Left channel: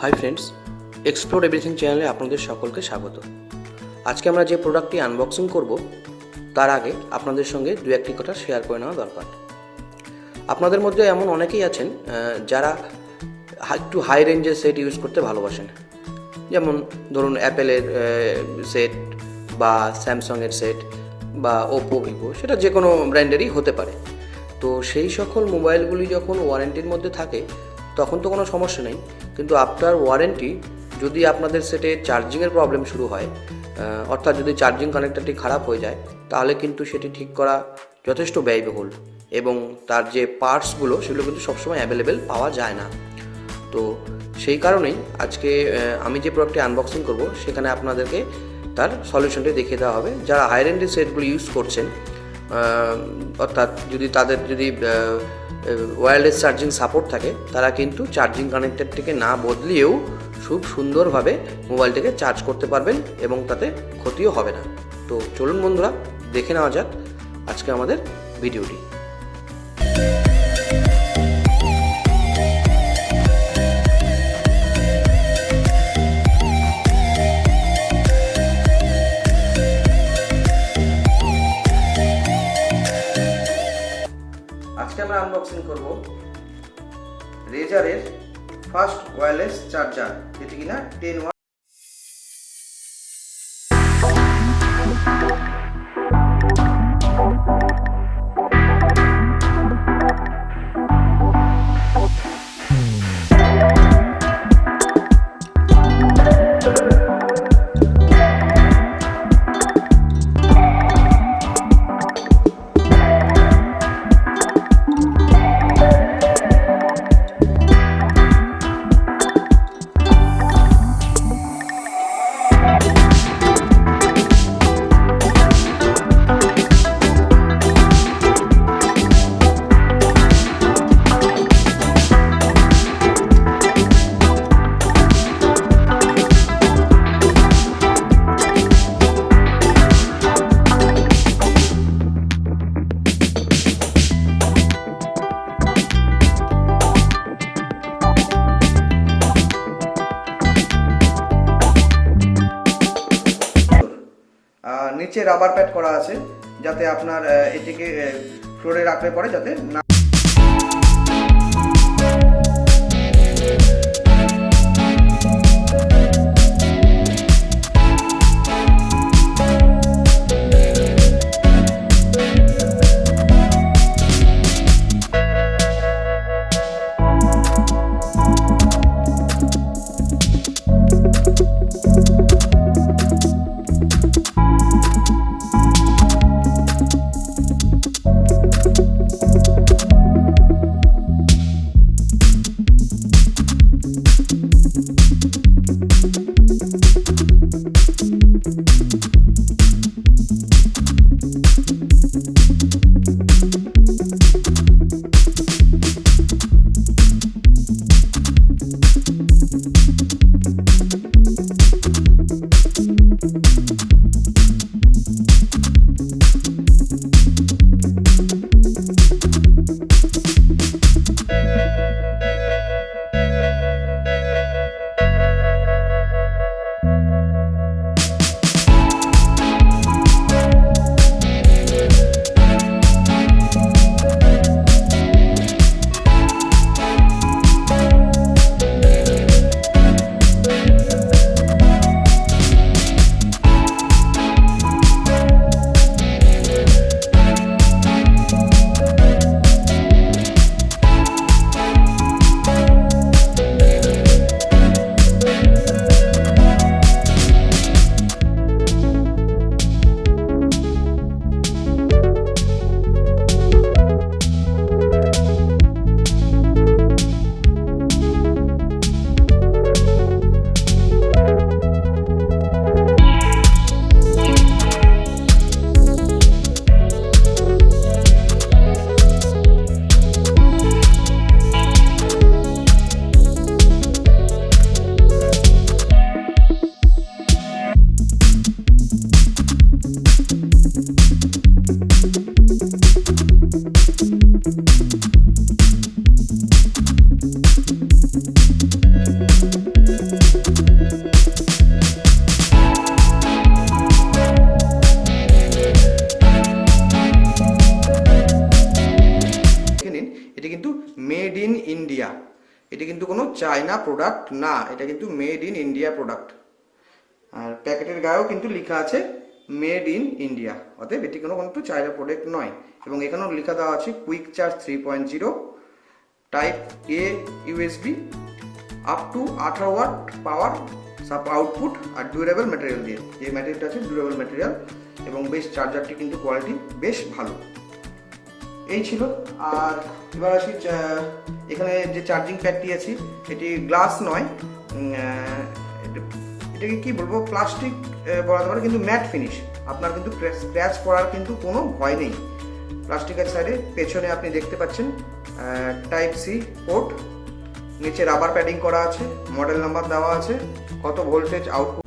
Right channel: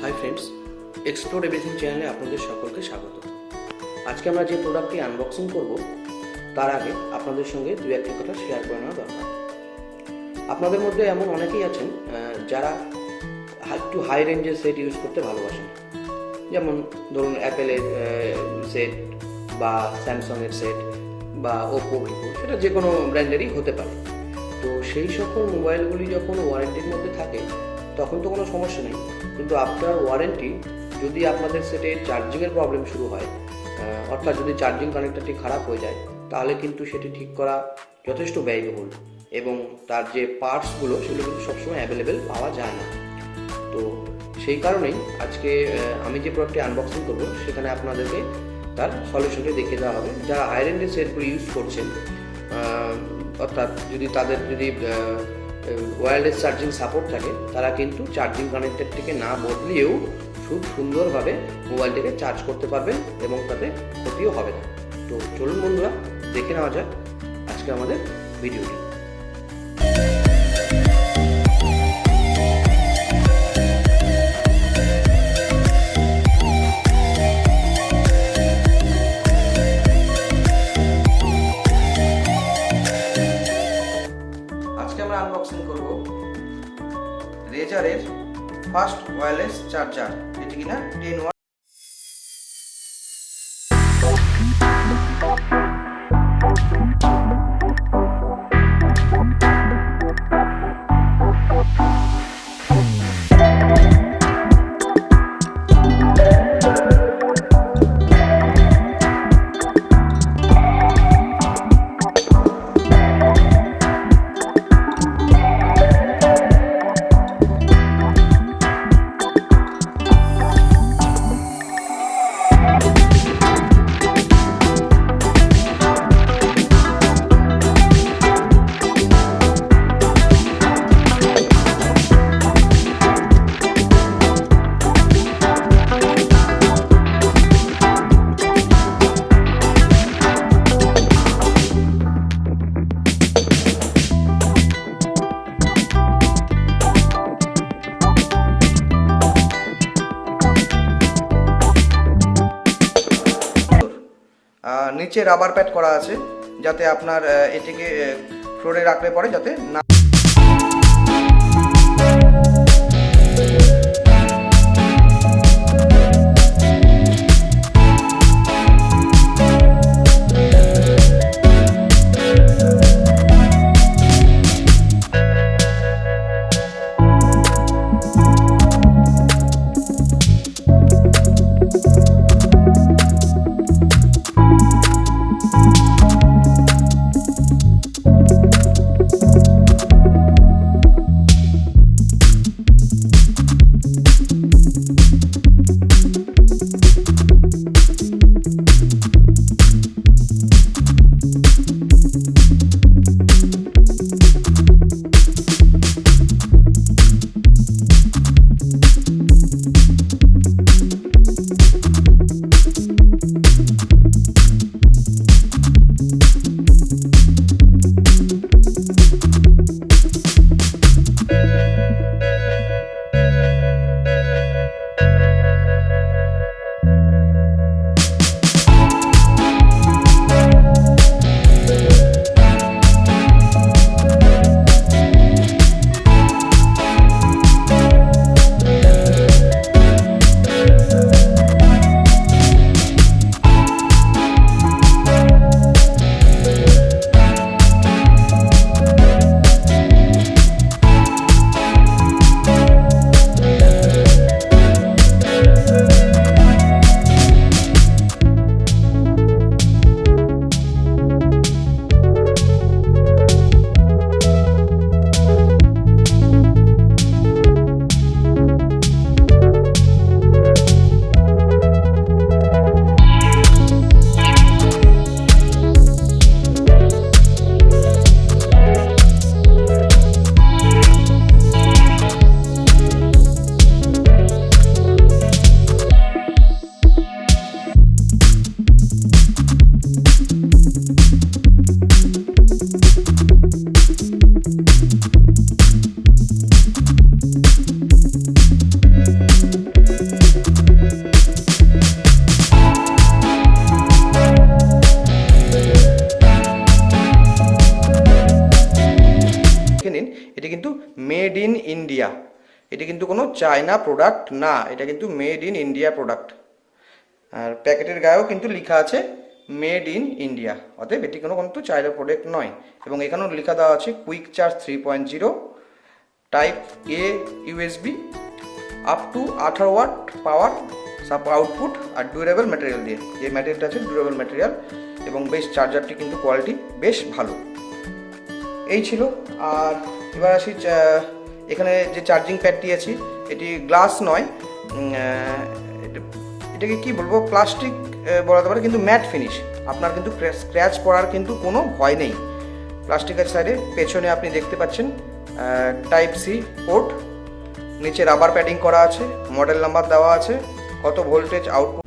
Hi friends, explore everything চ্যানেলে আপনাদের সকলকে স্বাগত। আজকে আমরা যে প্রোডাক্টটি আনবক্সিং করব তার আগে আপনাদের সঙ্গে দু একটি কথা শেয়ার করে নেওয়া দরকার। আপনাদের মধ্যে এমন অনেকেই আছেন যারা একটু হাই রেঞ্জের সেট ইউজ করতে ভালোবাসেন, যেমন ধরুন অ্যাপেলের সেট বা স্যামসাংয়ের সেট বা ওপো, ভিভো, সেটা যে কোনো ব্র্যান্ডেরই হতে পারে। তো সেই সকল মোবাইলগুলি যখন ওয়ারেন্টির মধ্যে থাকে তখন তো কোনো সমস্যা নেই, কিন্তু আফটার ওয়ারেন্টি যদি আপনাদের সেটে চার্জিংয়ের প্রবলেম শুরু হয়, অর্থাৎ যদি চার্জিং কানেক্টরটি খারাপ হয়ে যায়, তাহলে কিন্তু সেটি ঠিক করা যথেষ্ট ব্যয়বহুল এবং তার যে পার্টসগুলো সেগুলো কিন্তু সবসময় অ্যাভেলেবেল পাওয়া যায় না। তো সেই কারণেই আজকে আমি যে প্রোডাক্টটি আনবক্সিং করব সেখানে আপনাদেরকে তার সলিউশনটি দেখিয়ে দেওয়া হবে। যারা হাই রেঞ্জের সেটগুলো ইউজ করছেন, অর্থাৎ তাদের যদি ওয়্যারলেস চার্জিং সাপোর্ট থাকে, তারা কিন্তু চার্জিং কানেক্টরটিকে না বদলিয়েও খুব সুন্দরভাবে মোবাইলটাকে চার্জ করতে পারবেন এবং তাতে ক্ষতিও হবে না। তো চলুন বন্ধুরা, দেখে নেওয়া যাক আজকে আমাদের ভিডিওটি। আজকে আমরা আনবক্সিং করব রেজারের ফার্স্ট ওয়্যারলেস চার্জার, যেটি কিনা 10 ওয়াট। নিচে রাবার প্যাড করা আছে যাতে আপনার এটিকে ফ্লোরে রাখলে পরে যাতে না কিন্তু কোনো চায়না প্রোডাক্ট না, এটা কিন্তু মেড ইন ইন্ডিয়া প্রোডাক্ট। আর প্যাকেটের গায়েও কিন্তু লেখা আছে মেড ইন ইন্ডিয়া, অতএব এটি কোনো কিন্তু চায়না প্রোডাক্ট নয়। এবং এখানেও লেখা দেওয়া আছে quick charge 3.0, type A USB, up to 18 watt power সাপ আউটপুট, আর ডিউরেবল ম্যাটেরিয়াল দিয়ে, যে ম্যাটেরিয়ালটা আছে ডিউরেবল ম্যাটেরিয়াল, এবং বেশ চার্জারটি কিন্তু কোয়ালিটি বেশ ভালো। এই ছিল। আর এবার আসি, এখানে যে চার্জিং প্যাডটি আছে এটি গ্লাস নয়, এটাকে কি বলবো, প্লাস্টিক বলাতে পারে, কিন্তু ম্যাট ফিনিশ। আপনার কিন্তু স্ক্র্যাচ পড়ার কিন্তু কোনো ভয় নেই। প্লাস্টিকের সাইডে পেছনে আপনি দেখতে পাচ্ছেন টাইপ সি পোর্ট, নিচে রাবার প্যাডিং করা আছে, মডেল নাম্বার দেওয়া আছে, কত ভোল্টেজ আউটপুট